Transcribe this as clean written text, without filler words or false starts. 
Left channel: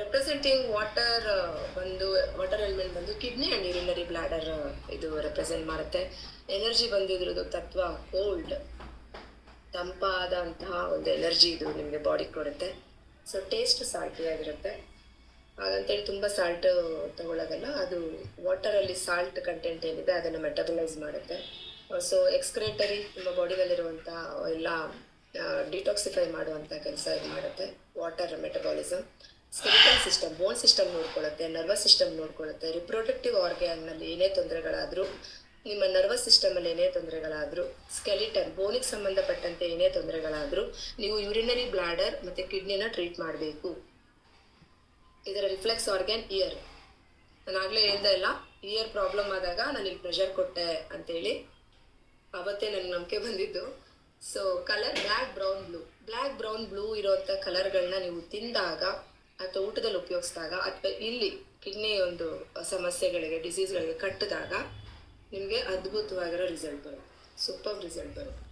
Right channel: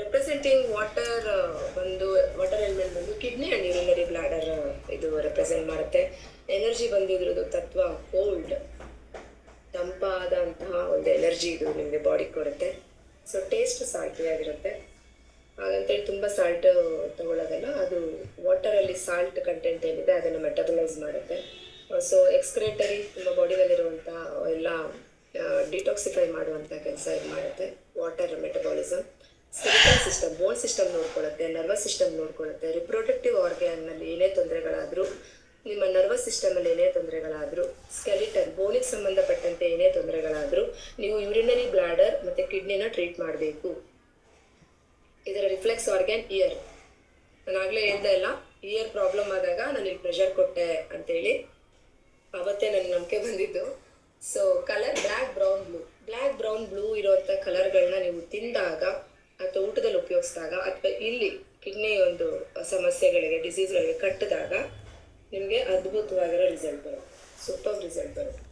Representing water ಬಂದು water element ಬಂದು kidney and urinary bladder ಇದು ರೆಪ್ರೆಸೆಂಟ್ ಮಾಡುತ್ತೆ. ಎನರ್ಜಿ ಬಂದಿದ್ರದ್ದು ತತ್ವ ಕೋಲ್ಡ್, ತಂಪಾದಂತಹ ಒಂದು ಎನರ್ಜಿ ಇದು ನಿಮಗೆ ಬಾಡಿ ಕೊಡುತ್ತೆ. ಸೊ ಟೇಸ್ಟ್ ಸಾಲ್ಟಿ ಆಗಿರುತ್ತೆ. ಹಾಗಂತೇಳಿ ತುಂಬ ಸಾಲ್ಟ್ ತಗೊಳ್ಳೋದಲ್ಲ, ಅದು ವಾಟರಲ್ಲಿ ಸಾಲ್ಟ್ ಕಂಟೆಂಟ್ ಏನಿದೆ ಅದನ್ನು ಮೆಟಬಲೈಸ್ ಮಾಡುತ್ತೆ. ಸೊ ಎಕ್ಸ್ಕ್ರೇಟರಿ ನಿಮ್ಮ ಬಾಡಿನಲ್ಲಿರುವಂಥ ಎಲ್ಲ ಡಿಟಾಕ್ಸಿಫೈ ಮಾಡುವಂಥ ಕೆಲಸ ಇದು ಮಾಡುತ್ತೆ ವಾಟರ್ ಮೆಟಬಾಲಿಸಮ್. ಸ್ಕೆಲಿಟಲ್ ಸಿಸ್ಟಮ್, ಬೋನ್ ಸಿಸ್ಟಮ್ ನೋಡ್ಕೊಳ್ಳುತ್ತೆ, ನರ್ವಸ್ ಸಿಸ್ಟಮ್ ನೋಡ್ಕೊಳ್ಳುತ್ತೆ. ರಿಪ್ರೊಡಕ್ಟಿವ್ ಆರ್ಗ್ಯಾನ್ನಲ್ಲಿ ಏನೇ ತೊಂದರೆಗಳಾದರೂ, ನಿಮ್ಮ ನರ್ವಸ್ ಸಿಸ್ಟಮಲ್ಲಿ ಏನೇ ತೊಂದರೆಗಳಾದರೂ, ಸ್ಕೆಲಿಟನ್ ಬೋನಿಗೆ ಸಂಬಂಧಪಟ್ಟಂತೆ ಏನೇ ತೊಂದರೆಗಳಾದರೂ ನೀವು ಯೂರಿನರಿ ಬ್ಲಾಡರ್ ಮತ್ತು ಕಿಡ್ನಿನ ಟ್ರೀಟ್ ಮಾಡಬೇಕು. ಇದರ ರಿಫ್ಲೆಕ್ಸ್ ಆರ್ಗ್ಯಾನ್ ಇಯರ್. ನಾನು ಆಗಲೇ ಹೇಳ್ದೆ ಇಲ್ಲ, ಇಯರ್ ಪ್ರಾಬ್ಲಮ್ ಆದಾಗ ನಾನು ಇಲ್ಲಿ ಪ್ರೆಷರ್ ಕೊಟ್ಟೆ ಅಂತೇಳಿ, ಆವತ್ತೇ ನನಗೆ ನಂಬಿಕೆ ಬಂದಿದ್ದು. So colour black brown blue ಇರೋವಂಥ ಕಲರ್ಗಳನ್ನ ನೀವು ತಿಂದಾಗ ಅಥವಾ ಊಟದಲ್ಲಿ ಉಪಯೋಗಿಸಿದಾಗ ಅಥವಾ ಇಲ್ಲಿ ಕಿಡ್ನಿ ಒಂದು ಸಮಸ್ಯೆಗಳಿಗೆ ಡಿಸೀಸ್ಗಳಿಗೆ ಕಟ್ಟಿದಾಗ ನಿಮಗೆ ಅದ್ಭುತವಾಗಿರೋ ರಿಸಲ್ಟ್ ಬರುತ್ತೆ, ಸೂಪರ್ ರಿಸಲ್ಟ್ ಬರುತ್ತೆ.